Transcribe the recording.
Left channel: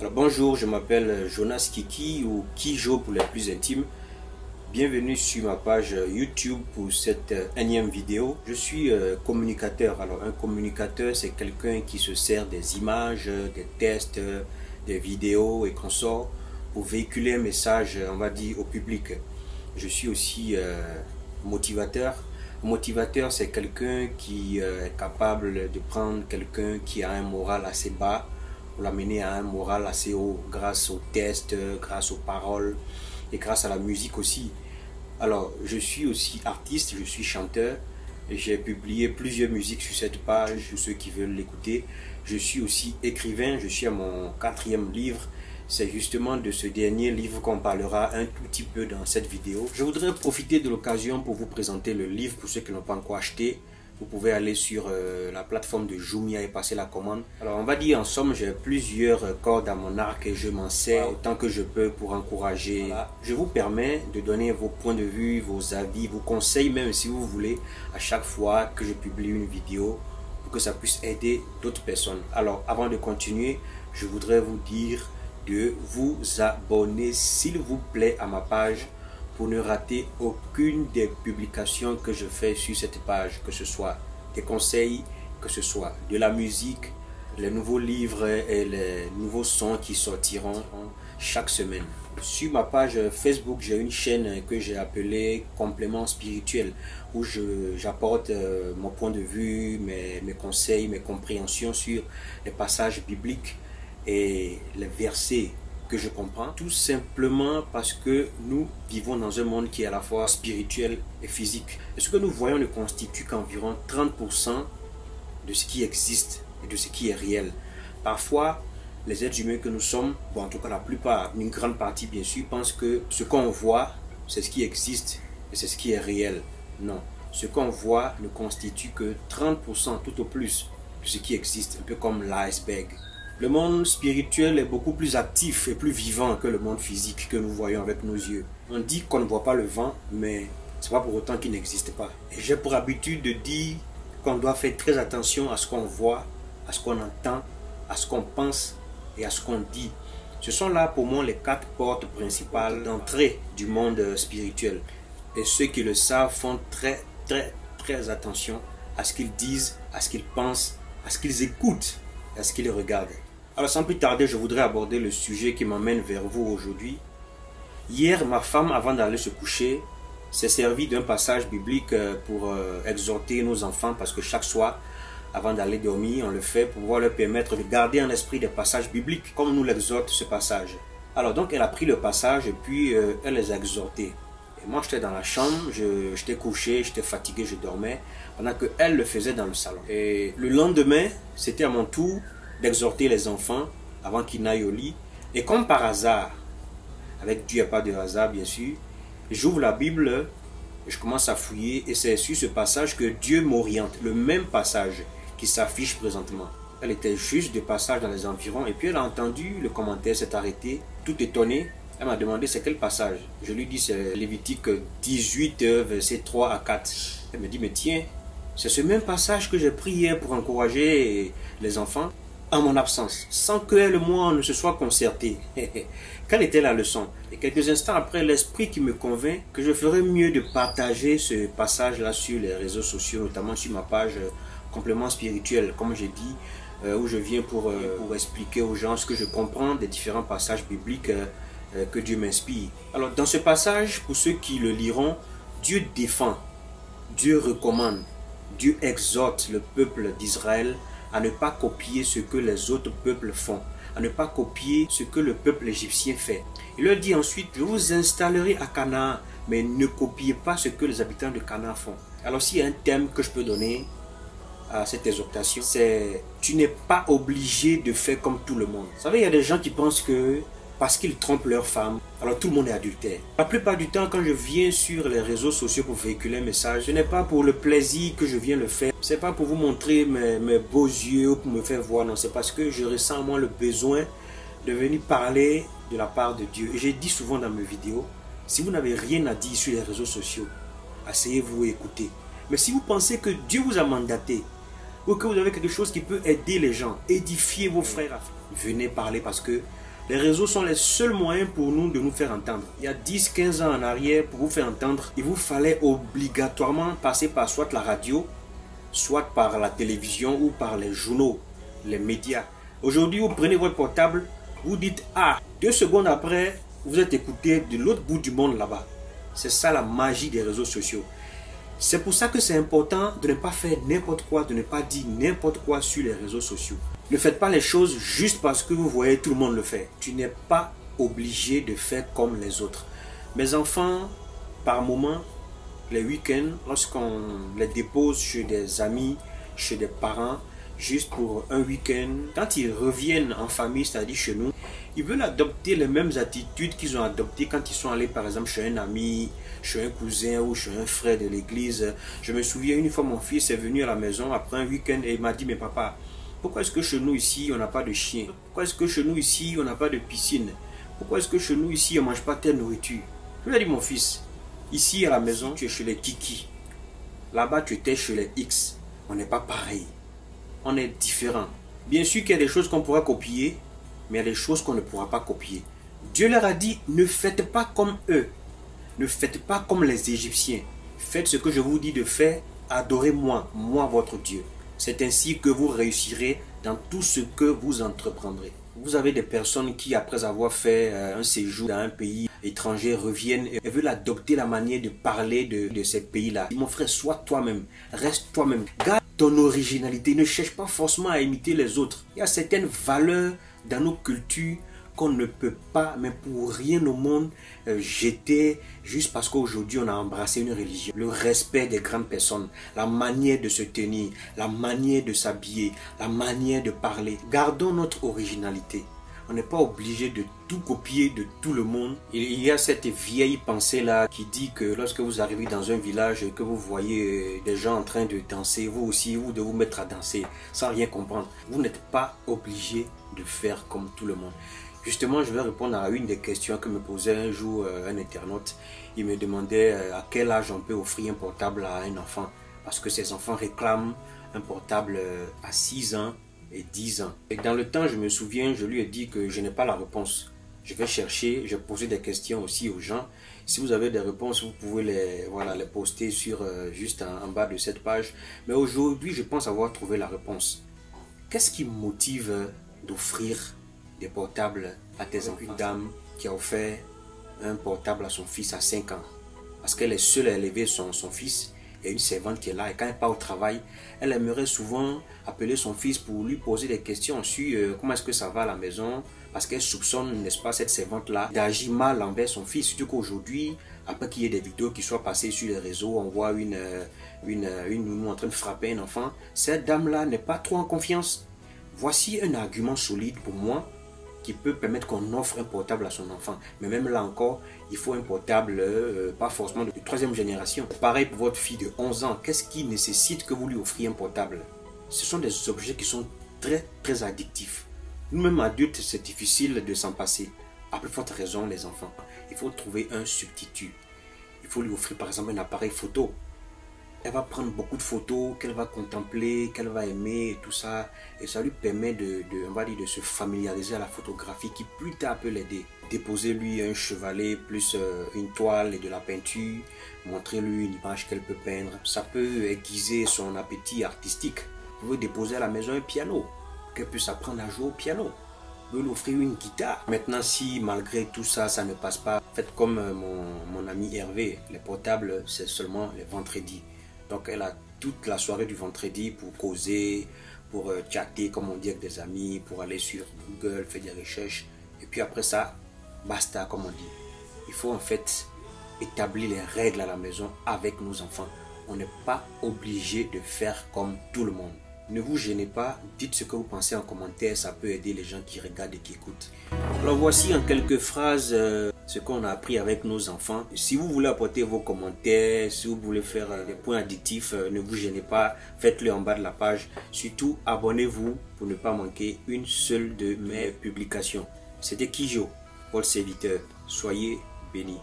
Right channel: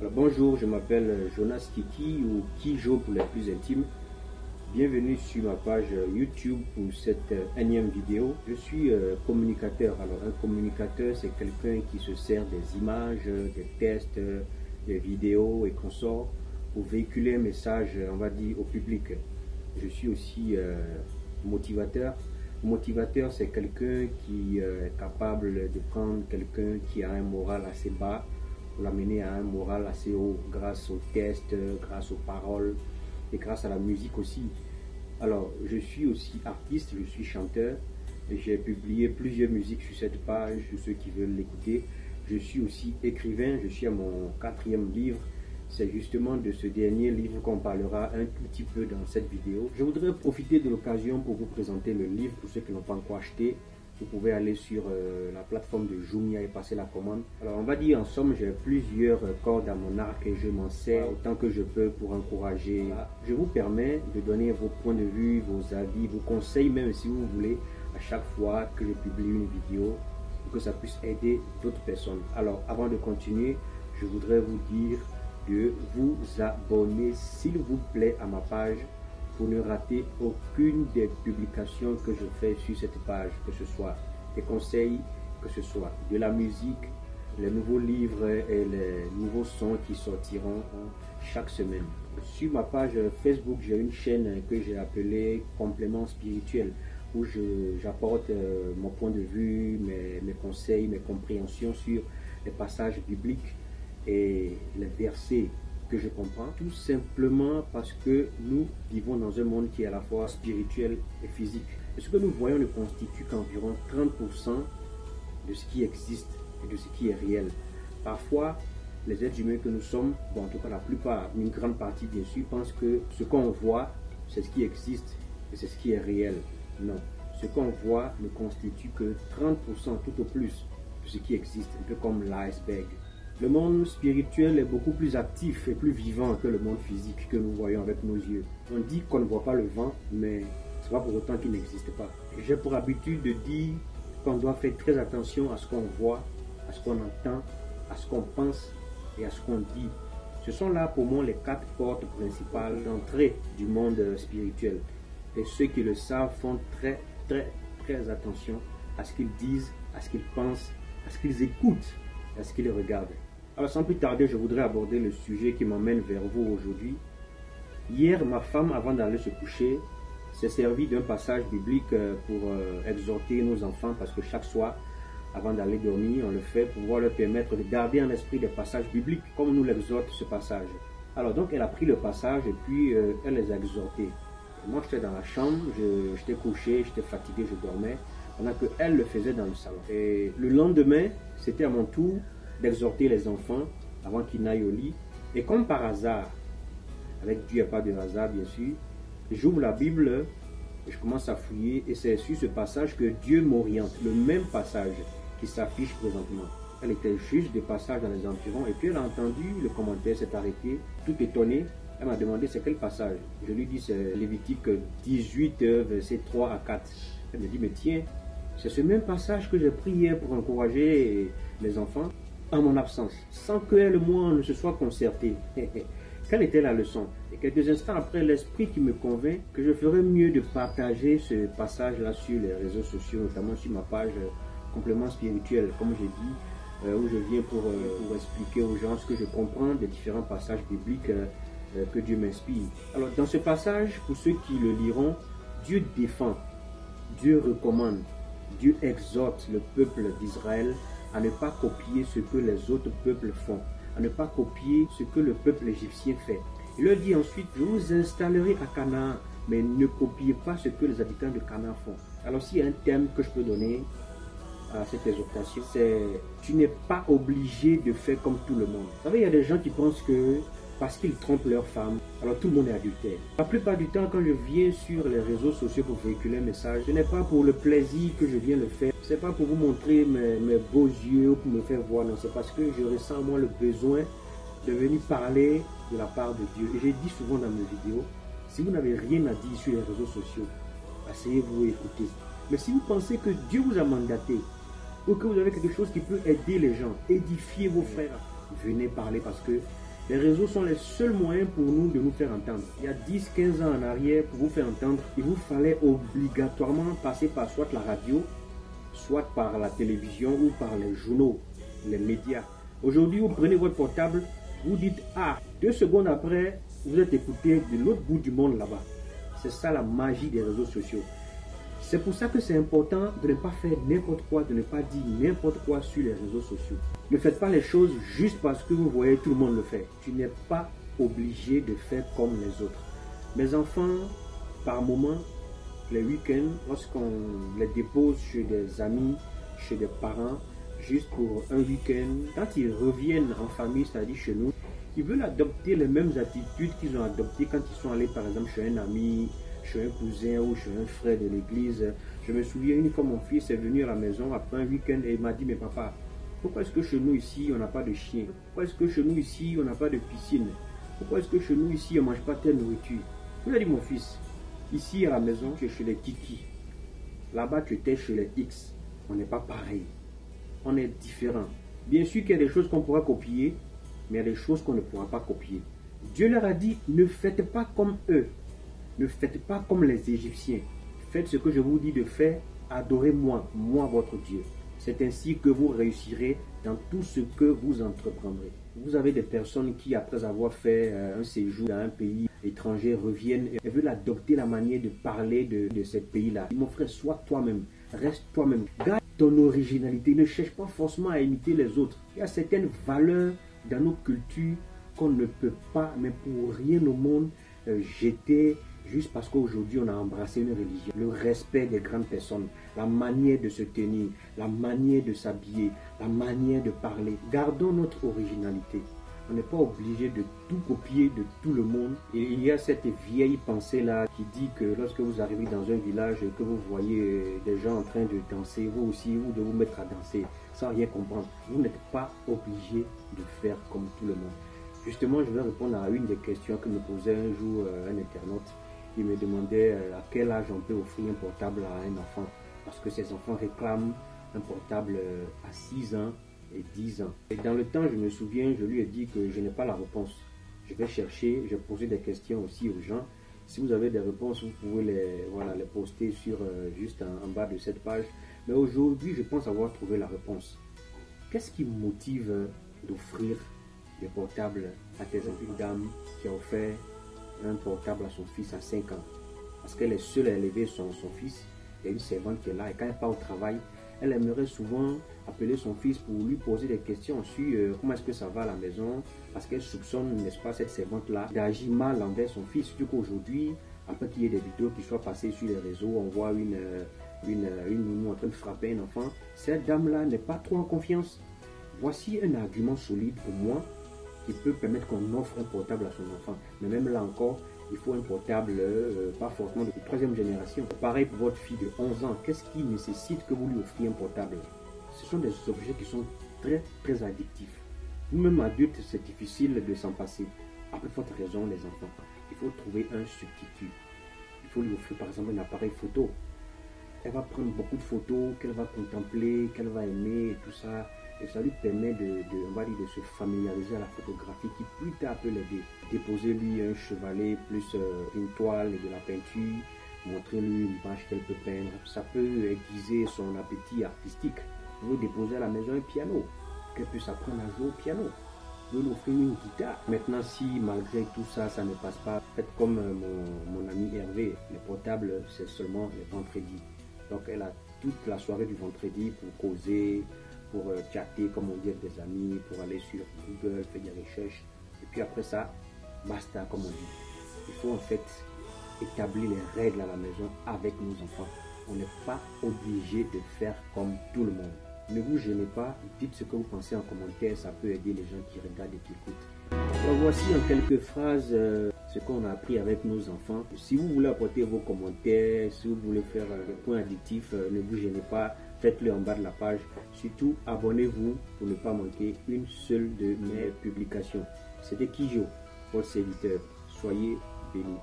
Alors bonjour, je m'appelle Jonas Kiki ou Kijo pour les plus intimes. Bienvenue sur ma page YouTube pour cette énième vidéo. Je suis communicateur. Alors un communicateur, c'est quelqu'un qui se sert des images, des tests, des vidéos et consorts pour véhiculer un message, on va dire, au public. Je suis aussi motivateur. Motivateur, c'est quelqu'un qui est capable de prendre quelqu'un qui a un moral assez bas pour l'amener à un moral assez haut grâce aux tests, grâce aux paroles et grâce à la musique aussi. Alors, je suis aussi artiste, je suis chanteur. J'ai publié plusieurs musiques sur cette page, pour ceux qui veulent l'écouter. Je suis aussi écrivain, je suis à mon 4e livre. C'est justement de ce dernier livre qu'on parlera un tout petit peu dans cette vidéo. Je voudrais profiter de l'occasion pour vous présenter le livre pour ceux qui n'ont pas encore acheté. Vous pouvez aller sur la plateforme de Jumia et passer la commande. Alors on va dire en somme, j'ai plusieurs cordes à mon arc et je m'en sers autant que je peux pour encourager. Voilà. Je vous permets de donner vos points de vue, vos avis, vos conseils même si vous voulez à chaque fois que je publie une vidéo pour que ça puisse aider d'autres personnes. Alors avant de continuer, je voudrais vous dire de vous abonner s'il vous plaît à ma page pour ne rater aucune des publications que je fais sur cette page, que ce soit des conseils, que ce soit de la musique, les nouveaux livres et les nouveaux sons qui sortiront chaque semaine. Sur ma page Facebook, j'ai une chaîne que j'ai appelée Complément spirituel où j'apporte mon point de vue, mes conseils, mes compréhensions sur les passages bibliques et les versets que je comprends, tout simplement parce que nous vivons dans un monde qui est à la fois spirituel et physique. Et ce que nous voyons ne constitue qu'environ 30% de ce qui existe et de ce qui est réel. Parfois, les êtres humains que nous sommes, bon, en tout cas la plupart, une grande partie bien sûr, pensent que ce qu'on voit, c'est ce qui existe et c'est ce qui est réel. Non, ce qu'on voit ne constitue que 30% tout au plus de ce qui existe, un peu comme l'iceberg. Le monde spirituel est beaucoup plus actif et plus vivant que le monde physique que nous voyons avec nos yeux. On dit qu'on ne voit pas le vent, mais ce n'est pas pour autant qu'il n'existe pas. Et j'ai pour habitude de dire qu'on doit faire très attention à ce qu'on voit, à ce qu'on entend, à ce qu'on pense et à ce qu'on dit. Ce sont là pour moi les 4 portes principales d'entrée du monde spirituel. Et ceux qui le savent font très attention à ce qu'ils disent, à ce qu'ils pensent, à ce qu'ils écoutent et à ce qu'ils regardent. Alors sans plus tarder, je voudrais aborder le sujet qui m'emmène vers vous aujourd'hui. Hier, ma femme, avant d'aller se coucher, s'est servie d'un passage biblique pour exhorter nos enfants, parce que chaque soir, avant d'aller dormir, on le fait pour pouvoir leur permettre de garder en esprit des passages bibliques, comme nous l'exhorte ce passage. Alors donc, elle a pris le passage et puis elle les a exhortés. Et moi, j'étais dans la chambre, j'étais couché, j'étais fatigué, je dormais, pendant qu'elle le faisait dans le salon. Et le lendemain, c'était à mon tour d'exhorter les enfants avant qu'ils n'aillent au lit. Et comme par hasard, avec Dieu, il n'y a pas de hasard bien sûr, j'ouvre la Bible et je commence à fouiller et c'est sur ce passage que Dieu m'oriente, le même passage qui s'affiche présentement. Elle était juste de passage dans les environs et puis elle a entendu le commentaire, s'est arrêtée, tout étonnée. Elle m'a demandé c'est quel passage. Je lui dis c'est Lévitique 18, versets 3 à 4. Elle me dit mais tiens, c'est ce même passage que j'ai pris hier pour encourager les enfants en mon absence, sans qu'elle et moi ne se soient concertés. Quelle était la leçon? Et quelques instants après, l'esprit qui me convainc que je ferais mieux de partager ce passage-là sur les réseaux sociaux, notamment sur ma page Complément spirituel, comme j'ai dit, où je viens pour expliquer aux gens ce que je comprends des différents passages bibliques que Dieu m'inspire. Alors dans ce passage, pour ceux qui le liront, Dieu défend, Dieu recommande, Dieu exhorte le peuple d'Israël à ne pas copier ce que les autres peuples font, à ne pas copier ce que le peuple égyptien fait. Il leur dit ensuite, je vous installerai à Canaan, mais ne copiez pas ce que les habitants de Canaan font. Alors s'il y a un thème que je peux donner à cette exhortation, c'est tu n'es pas obligé de faire comme tout le monde. Vous savez, il y a des gens qui pensent que parce qu'ils trompent leur femme, alors tout le monde est adultère. La plupart du temps, quand je viens sur les réseaux sociaux pour véhiculer un message, ce n'est pas pour le plaisir que je viens le faire. Ce n'est pas pour vous montrer mes beaux yeux ou pour me faire voir. Non, c'est parce que je ressens en moi le besoin de venir parler de la part de Dieu. Et j'ai dit souvent dans mes vidéos, si vous n'avez rien à dire sur les réseaux sociaux, asseyez-vous et écoutez. Mais si vous pensez que Dieu vous a mandaté, ou que vous avez quelque chose qui peut aider les gens, édifier vos frères, venez parler parce que Les réseaux sont les seuls moyens pour nous de nous faire entendre. Il y a 10-15 ans en arrière, pour vous faire entendre, il vous fallait obligatoirement passer par soit la radio, soit par la télévision ou par les journaux, les médias. Aujourd'hui, vous prenez votre portable, vous dites « Ah !» 2 secondes après, vous êtes écouté de l'autre bout du monde là-bas. C'est ça la magie des réseaux sociaux. C'est pour ça que c'est important de ne pas faire n'importe quoi, de ne pas dire n'importe quoi sur les réseaux sociaux. Ne faites pas les choses juste parce que vous voyez tout le monde le faire. Tu n'es pas obligé de faire comme les autres. Mes enfants, par moment, les week-ends, lorsqu'on les dépose chez des amis, chez des parents, juste pour un week-end, quand ils reviennent en famille, c'est-à-dire chez nous, ils veulent adopter les mêmes attitudes qu'ils ont adoptées quand ils sont allés par exemple chez un ami, chez un cousin ou chez un frère de l'église. Je me souviens une fois mon fils est venu à la maison après un week-end et il m'a dit « Mais papa, pourquoi est-ce que chez nous ici on n'a pas de chien? Pourquoi est-ce que chez nous ici on n'a pas de piscine? Pourquoi est-ce que chez nous ici on ne mange pas telle nourriture ?» Je lui ai dit « Mon fils, ici à la maison tu es chez les Kiki, là-bas tu étais chez les X. On n'est pas pareil, on est différents. Bien sûr qu'il y a des choses qu'on pourra copier, mais il y a des choses qu'on ne pourra pas copier. Dieu leur a dit, ne faites pas comme eux. Ne faites pas comme les Égyptiens. Faites ce que je vous dis de faire. Adorez-moi, moi votre Dieu. C'est ainsi que vous réussirez dans tout ce que vous entreprendrez. Vous avez des personnes qui, après avoir fait un séjour dans un pays étranger, reviennent et veulent adopter la manière de parler de ces pays-là. Mon frère, sois toi-même. Reste toi-même. Garde ton originalité. Ne cherche pas forcément à imiter les autres. Il y a certaines valeurs dans nos cultures qu'on ne peut pas, mais pour rien au monde, jeter juste parce qu'aujourd'hui on a embrassé une religion. Le respect des grandes personnes, la manière de se tenir, la manière de s'habiller, la manière de parler. Gardons notre originalité. On n'est pas obligé de tout copier de tout le monde. Il y a cette vieille pensée-là qui dit que lorsque vous arrivez dans un village et que vous voyez des gens en train de danser, vous aussi, vous devez vous mettre à danser sans rien comprendre. Vous n'êtes pas obligé de faire comme tout le monde. Justement, je vais répondre à une des questions que me posait un jour un internaute. Il me demandait à quel âge on peut offrir un portable à un enfant. Parce que ces enfants réclament un portable à 6 ans et 10 ans. Et dans le temps, je me souviens, je lui ai dit que je n'ai pas la réponse. Je vais chercher, je posais des questions aussi aux gens. Si vous avez des réponses, vous pouvez les poster sur, juste en bas de cette page. Mais aujourd'hui, je pense avoir trouvé la réponse. Qu'est-ce qui me motive d'offrir des portables à tes enfants? Une dame qui a offert un portable à son fils à 5 ans. Parce qu'elle est seule à élever son fils. Il y a une servante qui est là et quand elle part au travail, elle aimerait souvent appeler son fils pour lui poser des questions sur comment est-ce que ça va à la maison, parce qu'elle soupçonne, n'est-ce pas, cette servante-là d'agir mal envers son fils. Surtout qu'aujourd'hui, après qu'il y ait des vidéos qui soient passées sur les réseaux, on voit une nounou en train de frapper un enfant. Cette dame-là n'est pas trop en confiance. Voici un argument solide pour moi qui peut permettre qu'on offre un portable à son enfant. Mais même là encore, il faut un portable, pas forcément de 3e génération. Pareil pour votre fille de 11 ans. Qu'est-ce qui nécessite que vous lui offriez un portable? Ce sont des objets qui sont très, très addictifs. Nous-mêmes adultes, c'est difficile de s'en passer. À plus forte raison, les enfants. Il faut trouver un substitut. Il faut lui offrir par exemple un appareil photo. Elle va prendre beaucoup de photos qu'elle va contempler, qu'elle va aimer et tout ça. Et ça lui permet on va dire, de se familiariser à la photographie qui plus tard peut l'aider. Déposer-lui un chevalet plus une toile et de la peinture. Montrer-lui une image qu'elle peut peindre. Ça peut aiguiser son appétit artistique. Vous pouvez déposer à la maison un piano. Qu'elle puisse apprendre à jouer au piano. Vous pouvez lui offrir une guitare. Maintenant, si malgré tout ça, ça ne passe pas, faites comme mon ami Hervé. Les portables, c'est seulement les vendredis. Donc elle a toute la soirée du vendredi pour causer, pour chatter comme on dit avec des amis, pour aller sur Google, faire des recherches. Et puis après ça, basta comme on dit. Il faut en fait établir les règles à la maison avec nos enfants. On n'est pas obligé de faire comme tout le monde. Ne vous gênez pas, dites ce que vous pensez en commentaire, ça peut aider les gens qui regardent et qui écoutent. Alors voici en quelques phrases ce qu'on a appris avec nos enfants. Si vous voulez apporter vos commentaires, si vous voulez faire des points additifs, ne vous gênez pas, faites-le en bas de la page. Surtout, abonnez-vous pour ne pas manquer une seule de mes publications. C'était Kijo, votre serviteur. Soyez bénis.